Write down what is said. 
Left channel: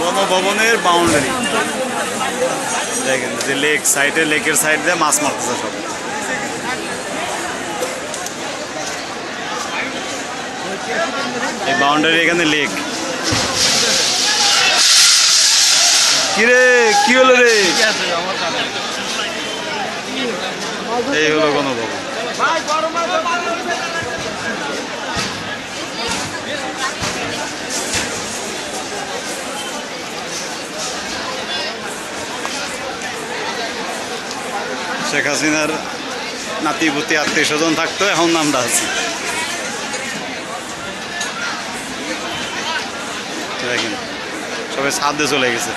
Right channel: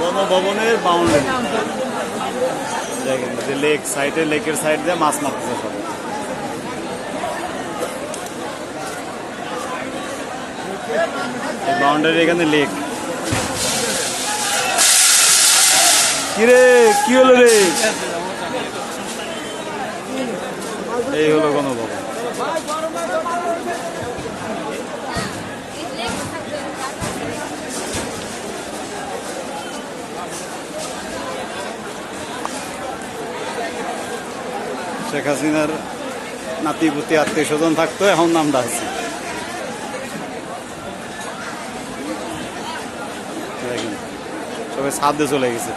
গণভবনের বাউন্ডারি দেখেন, যে লেক সাইডে লেকের সাইড দিয়ে মাছ মারতেছে সব। এই বাউন্ডারি এখানে লেক কিরে, কি হলো রে? এই হলো গণভবন শেখ হাসিনার নাতিপুতি আত্মীয় স্বজন থাকতো এখন আমরা আছি। দেখেন সবাই সাদে চলে গেছে।